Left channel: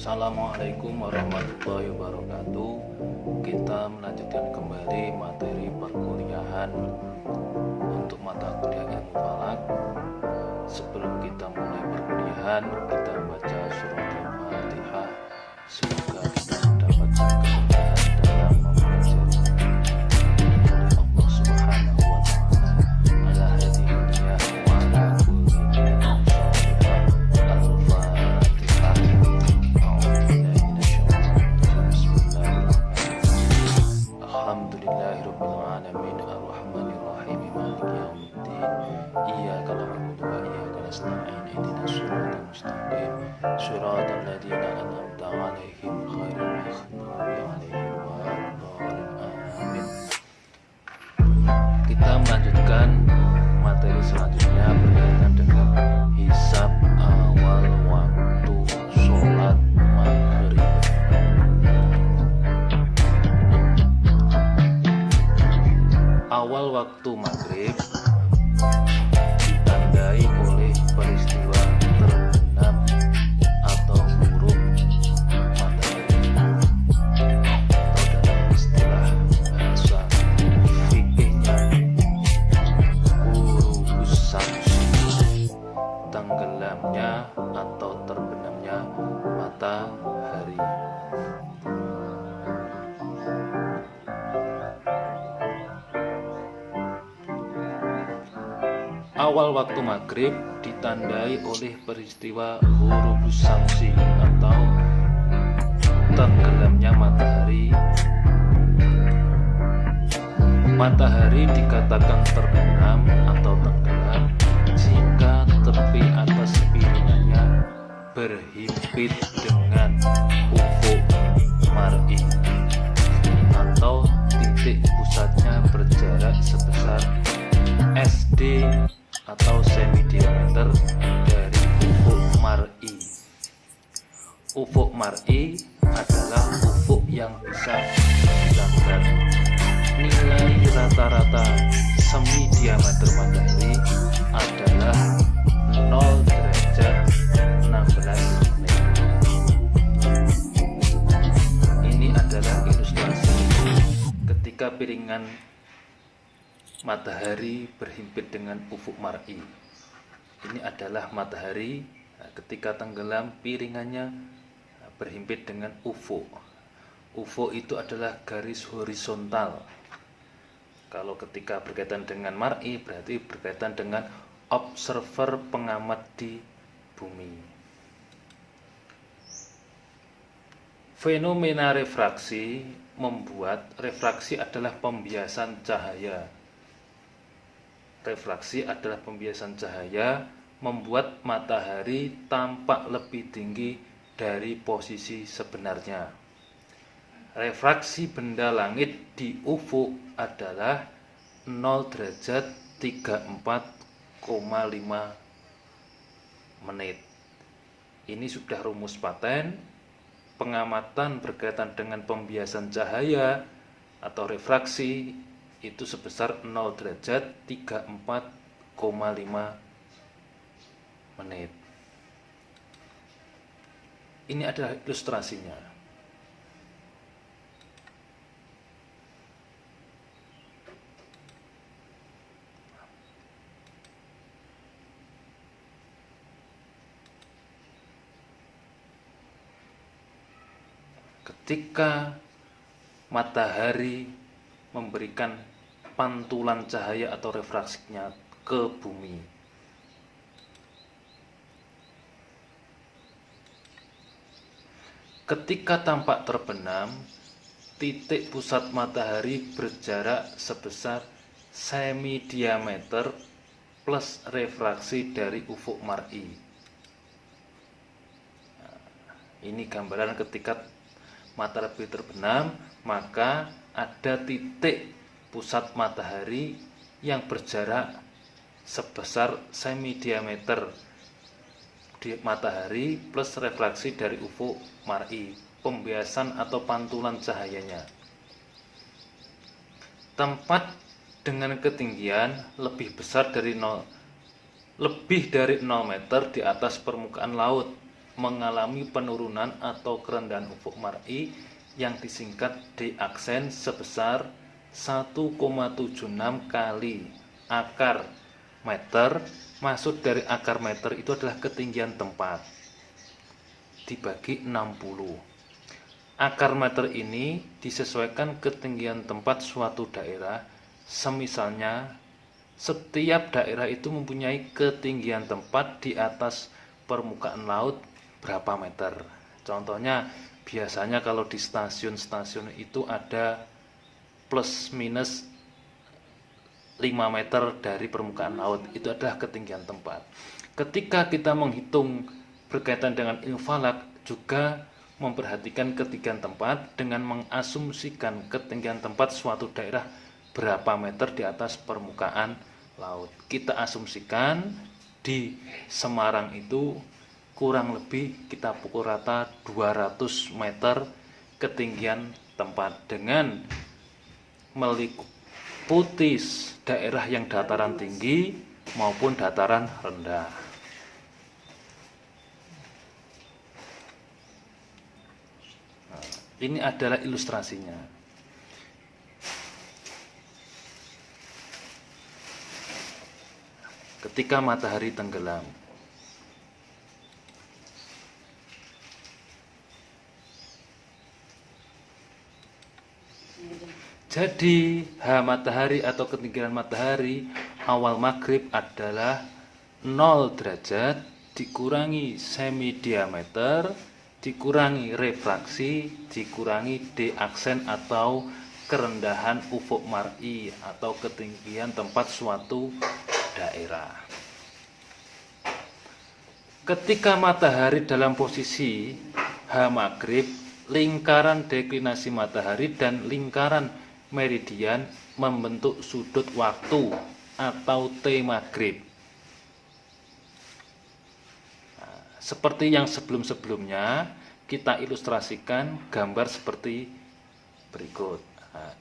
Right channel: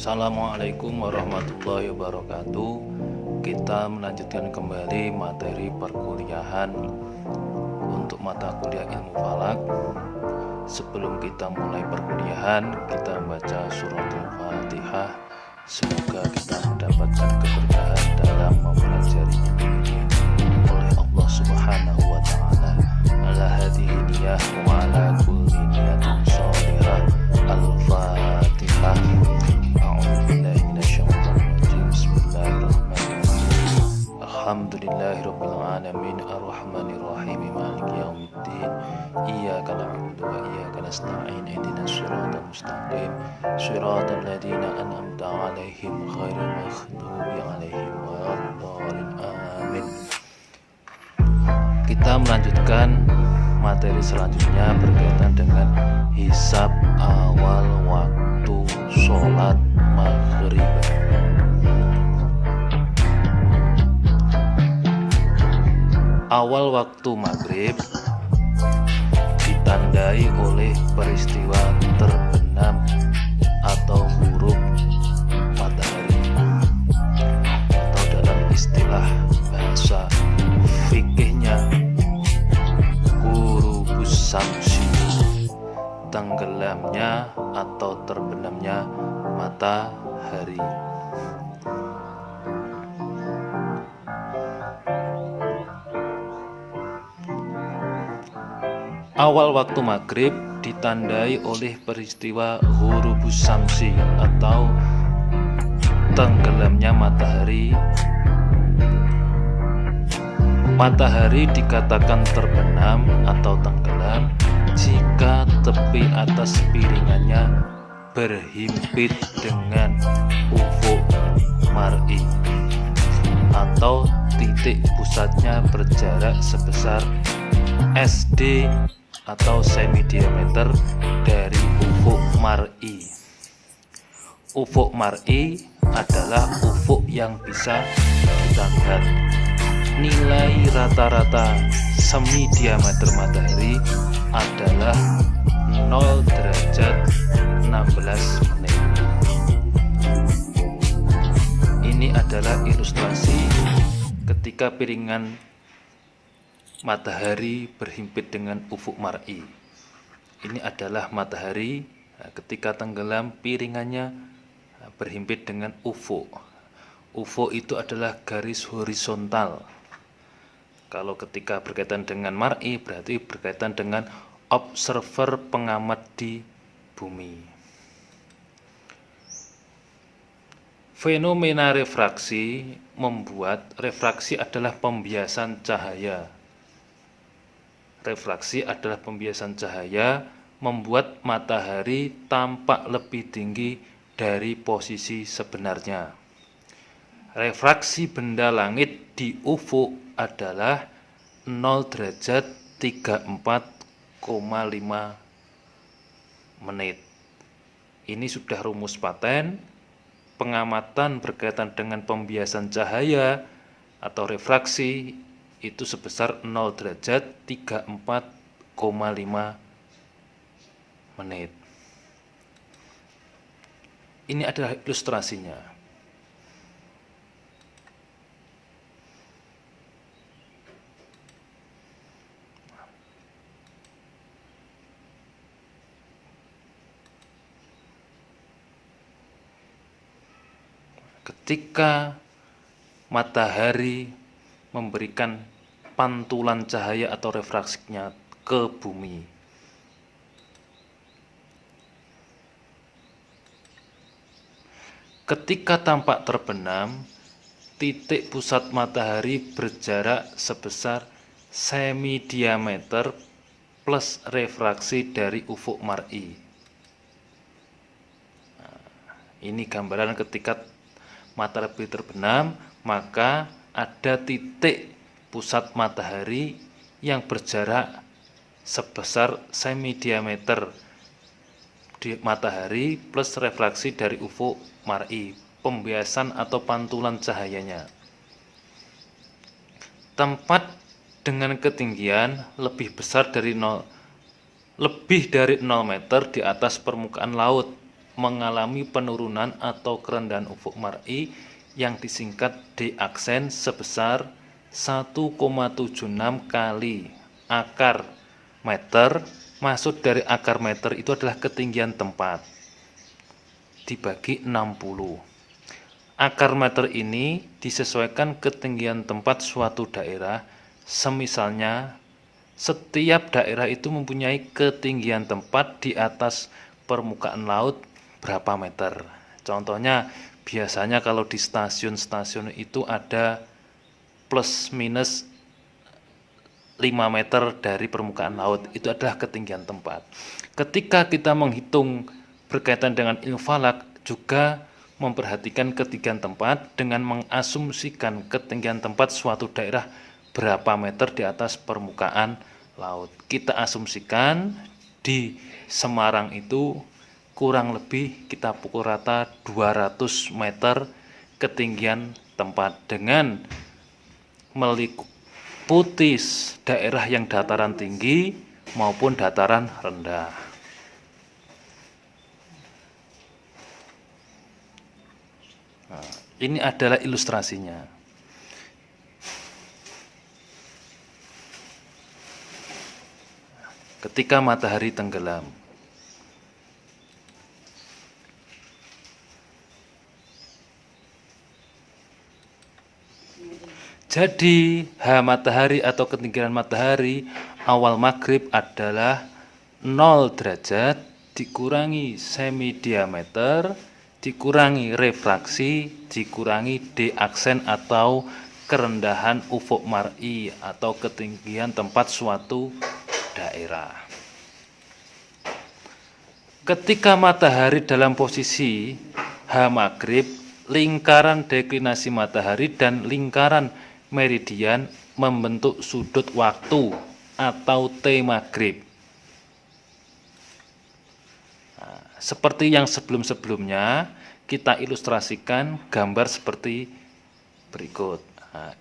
Assalamualaikum warahmatullahi wabarakatuh. Kita melanjutkan kembali materi perkuliahan untuk mata kuliah ilmu falak. Sebelum kita mulai perkuliahan, kita membaca surat Al-Fatihah. Semoga kita mendapatkan keberkahan dalam mempelajari oleh Allah Subhanahu wa taala. Ala hadhihi niyah wa ala kulli niyatin shalihah. Al-Fatihah. Alhamdulillahirabbil alamin arrahmanir rahim maliki yaumiddin iyyaka na'budu wa iyyaka nasta'in ihdinas siratal mustaqim siratal ladzina an'amta 'alaihim ghairil maghdubi 'alaihim waladdallin amin. Kita melanjutkan materi selanjutnya berkaitan dengan hisab awal waktu sholat maghrib. Awal waktu maghrib ditandai oleh peristiwa terbenam atau huruf matahari, atau dalam istilah bahasa fikihnya ghurubus syamsi, tenggelamnya atau terbenamnya matahari. Awal waktu maghrib ditandai oleh peristiwa ghurubus syamsi atau tenggelamnya matahari. Matahari dikatakan terbenam atau tenggelam jika tepi atas piringannya berhimpit dengan ufuk mar'i atau titik pusatnya berjarak sebesar SD atau semi diameter dari ufuk mar'i. Ufuk mar'i adalah ufuk yang bisa kita lihat. Nilai rata-rata semi diameter matahari adalah 0 derajat 16 menit. Ini adalah ilustrasi ketika piringan matahari berhimpit dengan ufuk mar'i. Ini adalah matahari ketika tenggelam, piringannya berhimpit dengan ufuk. Ufuk itu adalah garis horizontal. Kalau ketika berkaitan dengan mar'i berarti berkaitan dengan observer pengamat di bumi. Fenomena refraksi membuat refraksi adalah pembiasan cahaya. Refraksi adalah pembiasan cahaya membuat matahari tampak lebih tinggi dari posisi sebenarnya. Refraksi benda langit di ufuk adalah 0 derajat 34,5 menit. Ini sudah rumus paten. Pengamatan berkaitan dengan pembiasan cahaya atau refraksi itu sebesar 0 derajat 34,5 menit. Ini adalah ilustrasinya. Ketika matahari memberikan pantulan cahaya atau refraksinya ke bumi, ketika tampak terbenam, titik pusat matahari berjarak sebesar semi diameter plus refraksi dari ufuk mar'i. Ini gambaran ketika matahari terbenam, maka ada titik pusat matahari yang berjarak sebesar semi diameter di matahari plus refraksi dari ufuk mar'i, pembiasan atau pantulan cahayanya. Tempat dengan ketinggian lebih besar dari 0 meter di atas permukaan laut mengalami penurunan atau kerendahan ufuk mar'i yang disingkat D aksen sebesar 1,76 kali akar meter. Maksud dari akar meter itu adalah ketinggian tempat dibagi 60. Akar meter ini disesuaikan ketinggian tempat suatu daerah. Semisalnya setiap daerah itu mempunyai ketinggian tempat di atas permukaan laut berapa meter. Contohnya biasanya kalau di stasiun-stasiun itu ada plus minus 5 meter dari permukaan laut, itu adalah ketinggian tempat. Ketika kita menghitung berkaitan dengan ilmu falak, juga memperhatikan ketinggian tempat dengan mengasumsikan ketinggian tempat suatu daerah berapa meter di atas permukaan laut. Kita asumsikan di Semarang itu kurang lebih kita pukul rata 200 meter ketinggian tempat dengan meliputi daerah yang dataran tinggi maupun dataran rendah. Ini adalah ilustrasinya. Ketika matahari tenggelam. Jadi matahari atau ketinggian matahari awal maghrib adalah 0 derajat dikurangi semi diameter dikurangi refraksi dikurangi D aksen atau kerendahan ufuk mar'i atau ketinggian tempat suatu daerah. Ketika matahari dalam posisi maghrib, lingkaran deklinasi matahari dan lingkaran meridian membentuk sudut waktu atau T maghrib. Seperti yang sebelum-sebelumnya, kita ilustrasikan gambar seperti berikut.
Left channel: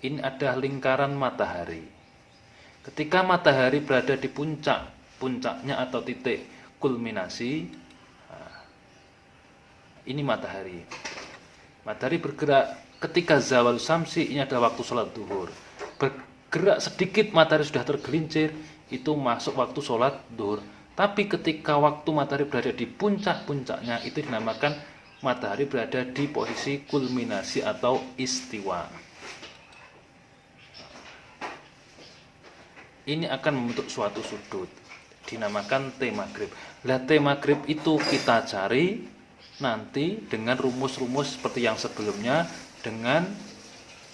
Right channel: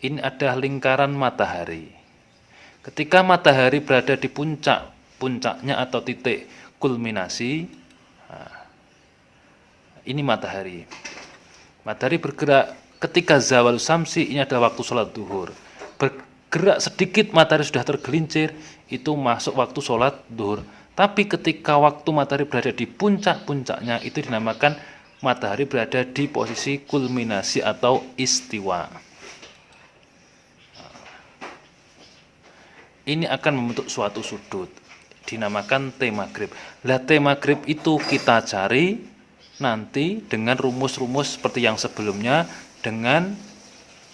Ini adalah lingkaran matahari. Ketika matahari berada di puncaknya atau titik kulminasi, ini matahari. Matahari bergerak ketika zawal samsi, ini adalah waktu sholat duhur. Bergerak sedikit matahari sudah tergelincir, itu masuk waktu sholat duhur. Tapi ketika waktu matahari berada di puncak-puncaknya, itu dinamakan matahari berada di posisi kulminasi atau istiwa. Ini akan membentuk suatu sudut, dinamakan T maghrib. Nah, T maghrib itu kita cari nanti dengan rumus-rumus seperti yang sebelumnya dengan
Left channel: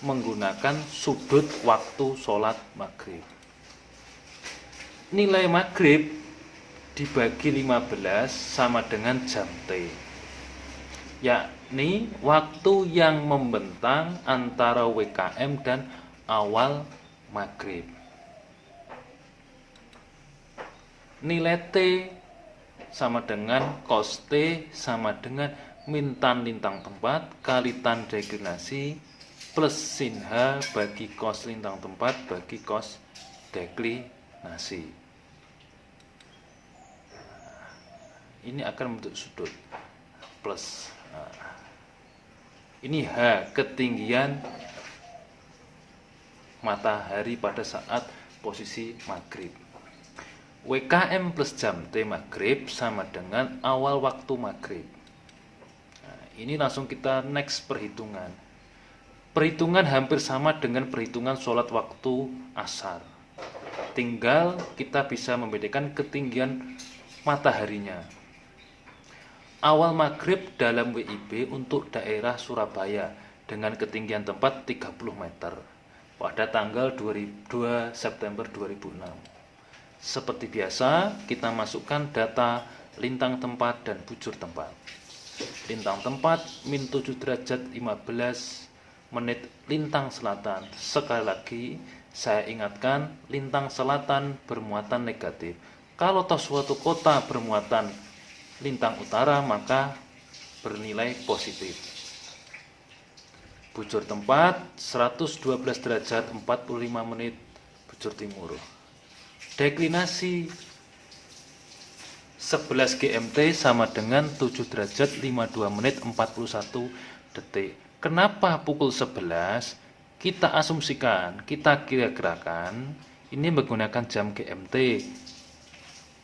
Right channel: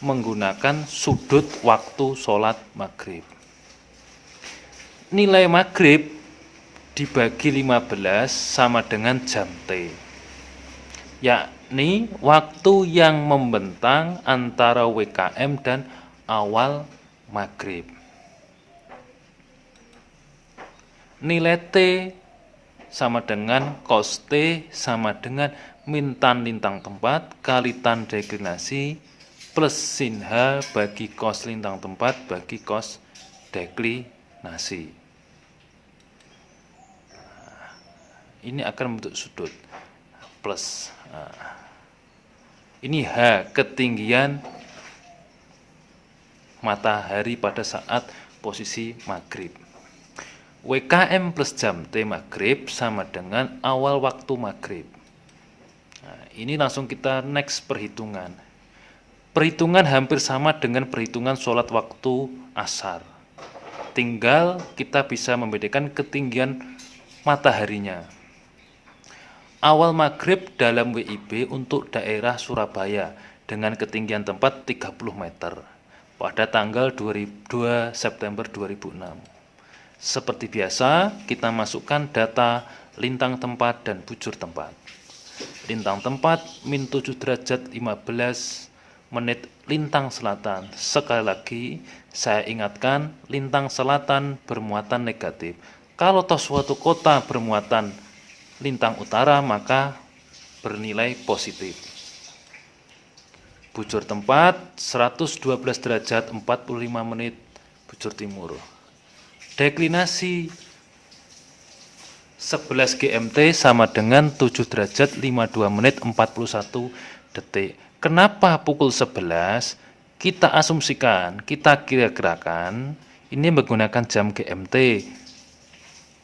menggunakan sudut waktu sholat maghrib. Nilai maghrib dibagi 15 sama dengan jam T, yakni waktu yang membentang antara WKM dan awal maghrib. Nilai T sama dengan cos T sama dengan min tan lintang tempat kali tan deklinasi plus sin H bagi cos lintang tempat bagi cos deklinasi. Ini akan membentuk sudut plus. Ini H, ketinggian matahari pada saat posisi maghrib. WKM plus jam T maghrib sama dengan awal waktu maghrib. Ini langsung kita next perhitungan. Perhitungan hampir sama dengan perhitungan sholat waktu asar. Tinggal kita bisa membedakan ketinggian mataharinya. Awal maghrib dalam WIB untuk daerah Surabaya dengan ketinggian tempat 30 meter pada tanggal 2 September 2006. Seperti biasa, kita masukkan data lintang tempat dan bujur tempat. Lintang tempat min 7 derajat 15 menit lintang selatan. Sekali lagi, saya ingatkan lintang selatan bermuatan negatif. Kalau toh suatu kota bermuatan lintang utara maka bernilai positif. Bujur tempat 112 derajat 45 menit bujur timur. Deklinasi 11 GMT sama dengan 7 derajat 52 menit 41 detik. Kenapa pukul 11? Kita asumsikan, kita kira-kirakan ini menggunakan jam GMT.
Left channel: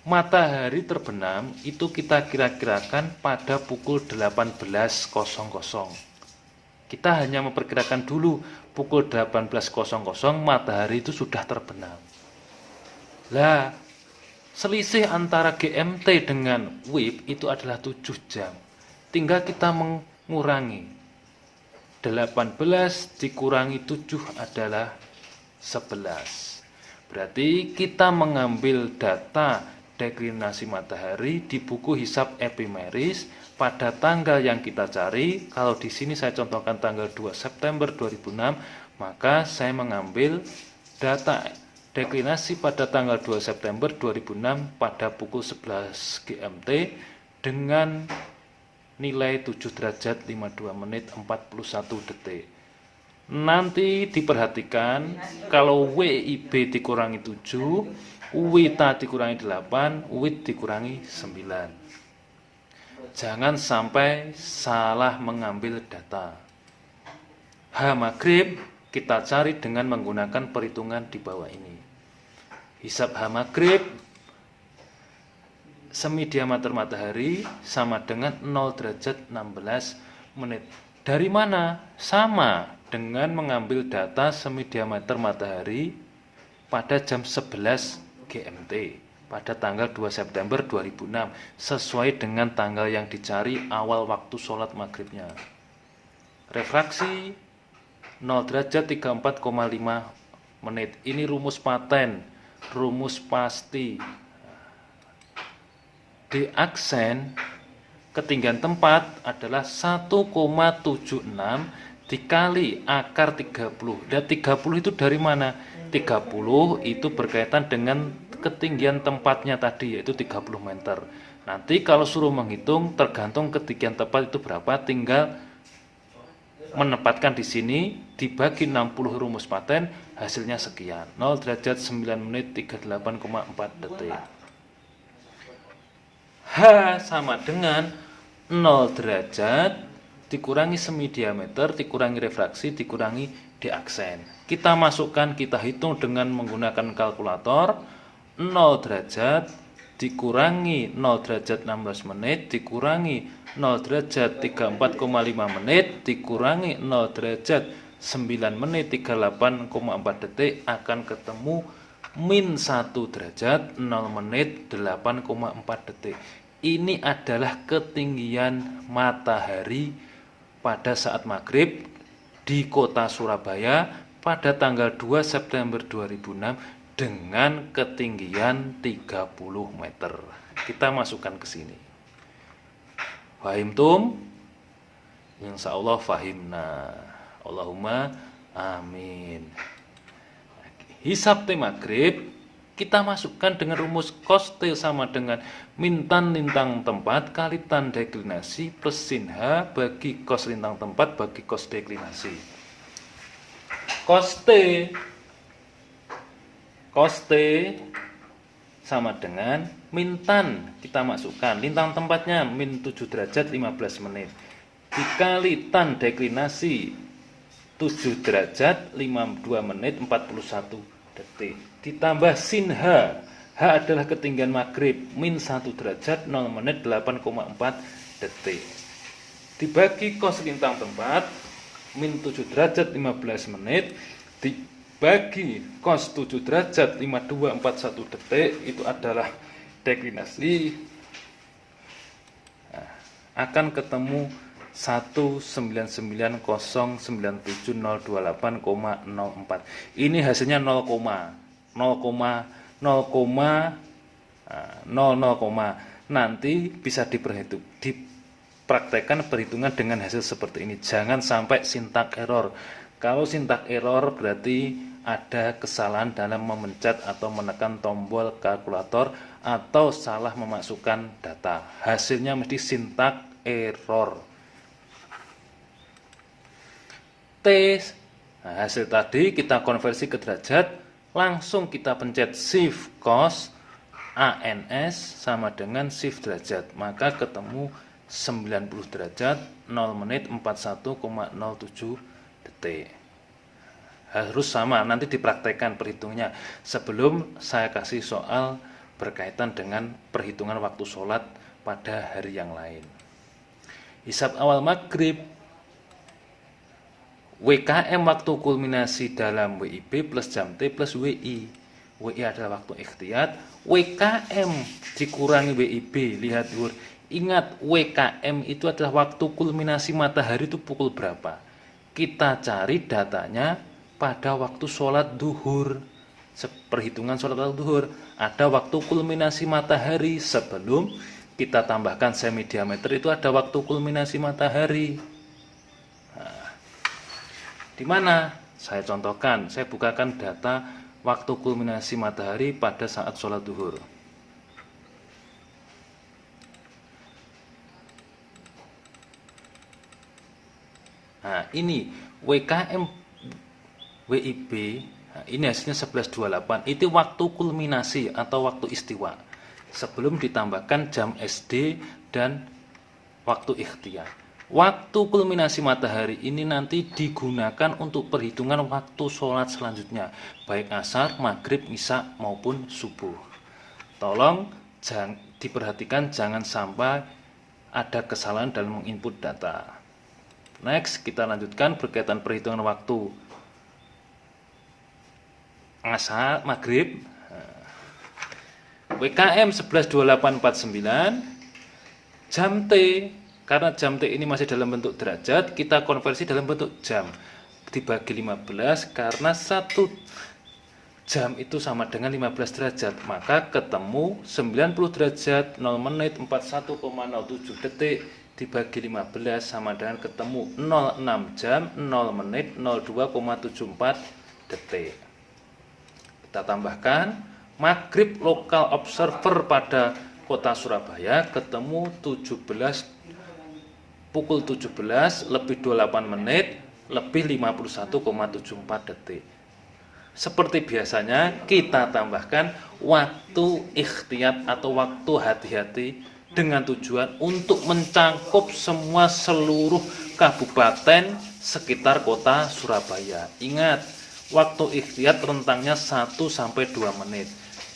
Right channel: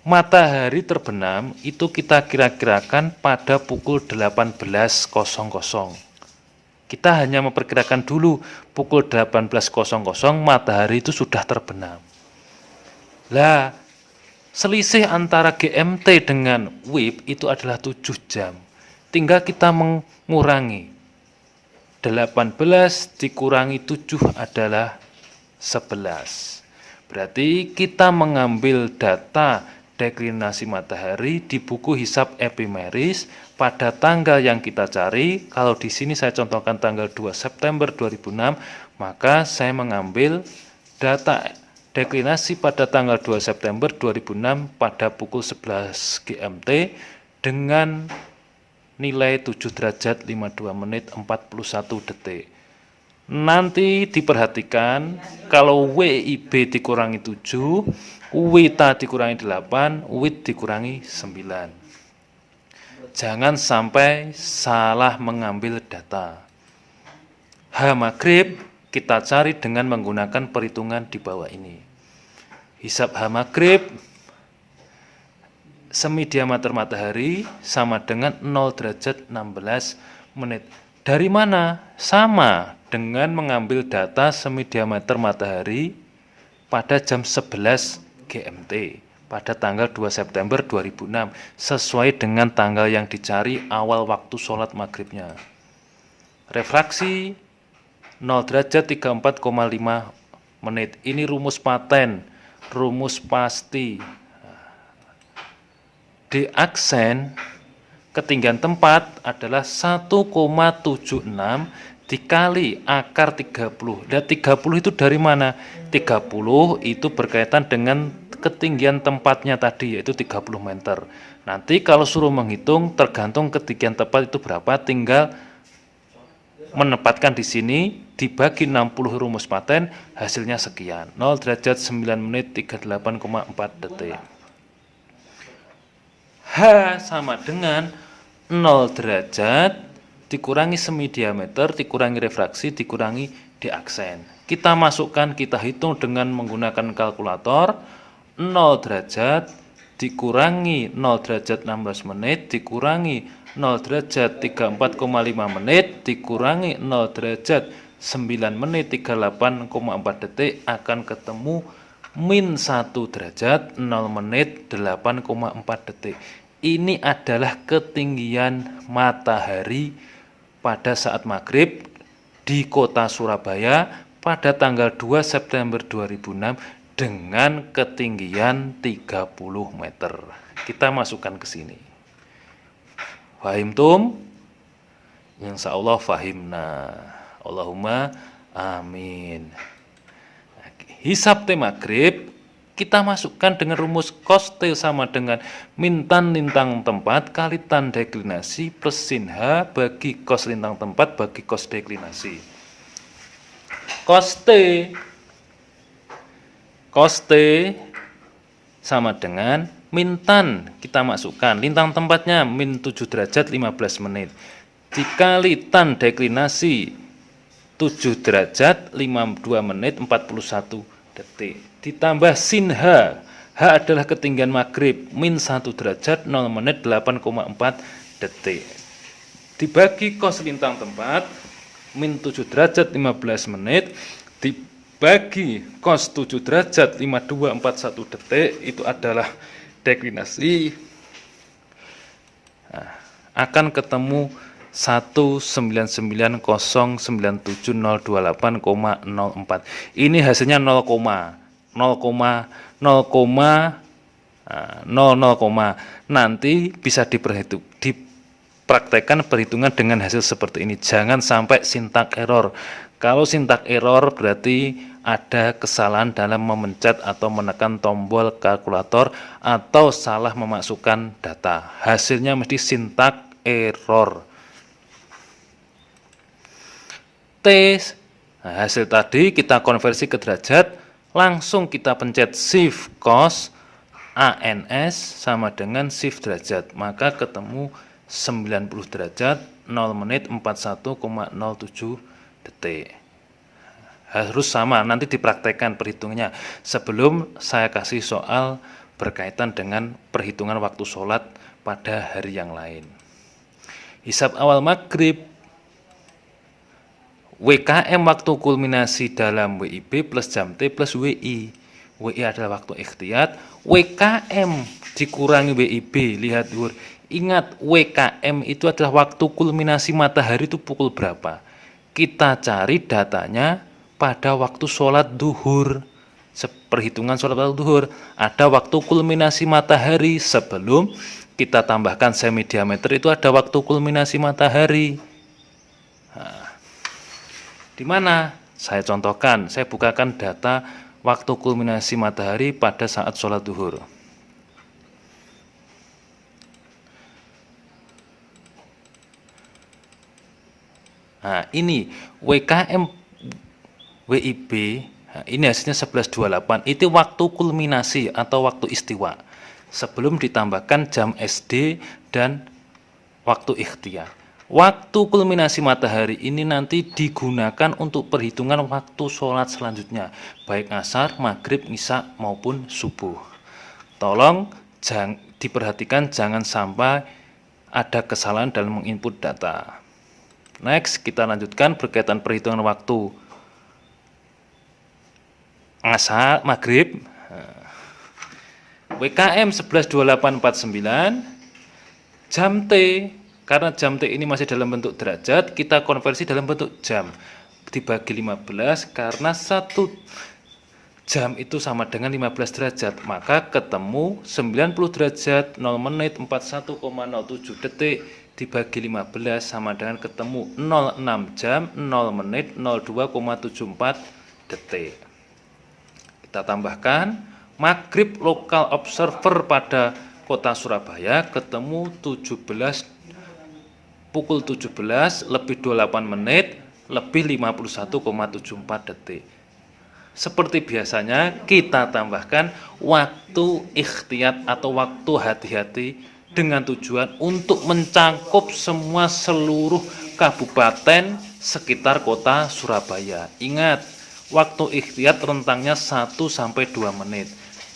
Matahari terbenam itu kita kira-kirakan pada pukul 18.00. Kita hanya memperkirakan dulu pukul 18.00 matahari itu sudah terbenam. Lah, selisih antara GMT dengan WIB itu adalah 7 jam. Tinggal kita mengurangi. 18 dikurangi 7 adalah 11. Berarti kita mengambil data deklinasi matahari di buku hisab epimeris pada tanggal yang kita cari. Kalau di sini saya contohkan tanggal 2 September 2006, maka saya mengambil data deklinasi pada tanggal 2 September 2006 pada pukul 11 GMT dengan nilai 7 derajat 52 menit 41 detik. Nanti diperhatikan kalau WIB dikurangi 7, WITA dikurangi 8, WIT dikurangi 9. Jangan sampai salah mengambil data. H maghrib kita cari dengan menggunakan perhitungan di bawah ini. Hisab H maghrib semi diameter matahari sama dengan 0 derajat 16 menit. Dari mana? Sama dengan mengambil data semi diameter matahari pada jam 11 GMT pada tanggal 2 September 2006 sesuai dengan tanggal yang dicari awal waktu sholat maghribnya. Refraksi 0 derajat 34,5 menit. Ini rumus paten, rumus pasti. Di aksen ketinggian tempat adalah 1,76 dikali akar 30. Dan 30 itu dari mana? 30 itu berkaitan dengan ketinggian tempatnya tadi, yaitu 30 meter. Nanti kalau suruh menghitung tergantung ketinggian tempat itu berapa, tinggal menempatkan di sini dibagi 60 rumus paten, hasilnya sekian. 0 derajat 9 menit 38,4 detik. H sama dengan 0 derajat dikurangi semi diameter dikurangi refraksi dikurangi di aksen. Kita masukkan, kita hitung dengan menggunakan kalkulator. 0 derajat dikurangi 0 derajat 16 menit dikurangi 0 derajat 34,5 menit dikurangi 0 derajat 9 menit 38,4 detik akan ketemu min 1 derajat 0 menit 8,4 detik. Ini adalah ketinggian matahari pada saat maghrib di kota Surabaya pada tanggal 2 September 2006 dengan ketinggian 30 meter. Kita masukkan ke sini. Fahimtum? Insya Allah fahimna. Allahumma amin. Hisab T maghrib kita masukkan dengan rumus cos T sama dengan min tan lintang tempat kali tan deklinasi plus sin H bagi cos lintang tempat bagi cos deklinasi. Cos T sama dengan min tan, kita masukkan lintang tempatnya min 7 derajat 15 menit dikali tan deklinasi 7 derajat 52 menit 41 detik ditambah sin H. H adalah ketinggian maghrib min 1 derajat 0 menit 8,4 detik dibagi cos lintang tempat min 7 derajat 15 menit dibagi cos 7 derajat 5241 detik itu adalah deklinasi. Nah, akan ketemu 199097028,04. Ini hasilnya 0,00. Nanti bisa dipraktekkan perhitungan dengan hasil seperti ini. Jangan sampai sintak error. Kalau sintak error berarti ada kesalahan dalam memencet atau menekan tombol kalkulator atau salah memasukkan data. Hasilnya mesti sintak error. Nah, hasil tadi kita konversi ke derajat, langsung kita pencet shift cos ANS sama dengan shift derajat, maka ketemu 90 derajat 0 menit 41,07 detik. Harus sama, nanti dipraktekkan perhitungannya sebelum saya kasih soal berkaitan dengan perhitungan waktu sholat pada hari yang lain. Hisab awal maghrib, WKM waktu kulminasi dalam WIB plus jam T plus WI. WI adalah waktu ikhtiyat, WKM dikurangi WIB, lihat Lur. Ingat, WKM itu adalah waktu kulminasi matahari itu pukul berapa. Kita cari datanya pada waktu sholat duhur. Perhitungan sholat duhur, ada waktu kulminasi matahari sebelum kita tambahkan semi diameter, itu ada waktu kulminasi matahari. Nah, di mana? Saya contohkan, saya bukakan data waktu kulminasi matahari pada saat sholat duhur. Nah, ini WKM WIB, nah, ini hasilnya 11.28. Itu waktu kulminasi atau waktu istiwa sebelum ditambahkan jam SD dan waktu ikhtiyar. Waktu kulminasi matahari ini nanti digunakan untuk perhitungan waktu sholat selanjutnya, baik asar, maghrib, isya maupun subuh. Tolong diperhatikan jangan sampai ada kesalahan dalam menginput data. Next, kita lanjutkan berkaitan perhitungan waktu asar, maghrib. WKM 11.2849, jam T, karena jam T ini masih dalam bentuk derajat, kita konversi dalam bentuk jam, dibagi 15, karena 1 jam itu sama dengan 15 derajat, maka ketemu 90 derajat 0 menit 41,07 detik dibagi 15 sama dengan ketemu 06 jam 0 menit 02,74 detik. Kita tambahkan maghrib lokal observer pada kota Surabaya ketemu pukul 17 lebih 28 menit lebih 51,74 detik. Seperti biasanya kita tambahkan waktu ikhtiyat atau waktu hati-hati dengan tujuan untuk mencangkup seluruh kabupaten sekitar kota Surabaya. Ingat, waktu ikhtiyat rentangnya 1-2 menit.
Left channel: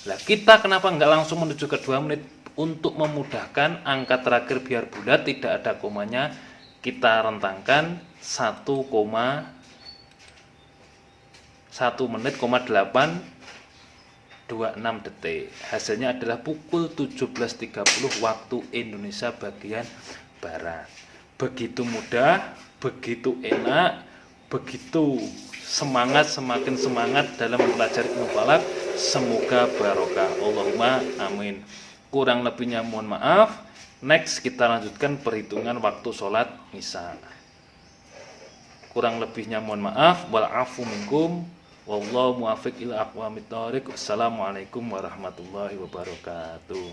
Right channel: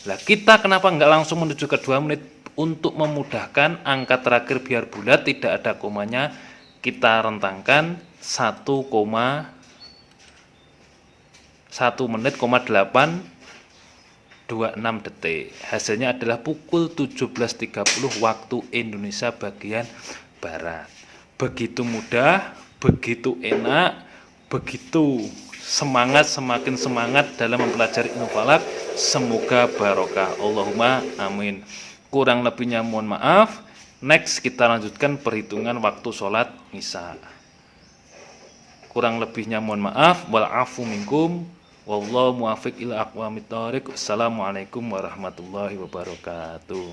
Nah, kita kenapa nggak langsung menuju ke 2 menit? Untuk memudahkan angka terakhir biar bulat tidak ada komanya, kita rentangkan 1 menit, 826 detik. Hasilnya adalah pukul 17.30 waktu Indonesia bagian Barat. Begitu mudah, begitu enak, begitu semangat, semakin semangat dalam mempelajari ilmu falak. Semoga barokah. Allahumma amin. Kurang lebihnya mohon maaf. Next kita lanjutkan perhitungan waktu sholat isya. Kurang lebihnya mohon maaf. Wal afu minkum. Wallahu muwaffiq ila aqwamit thoriq. Assalamualaikum warahmatullahi wabarakatuh.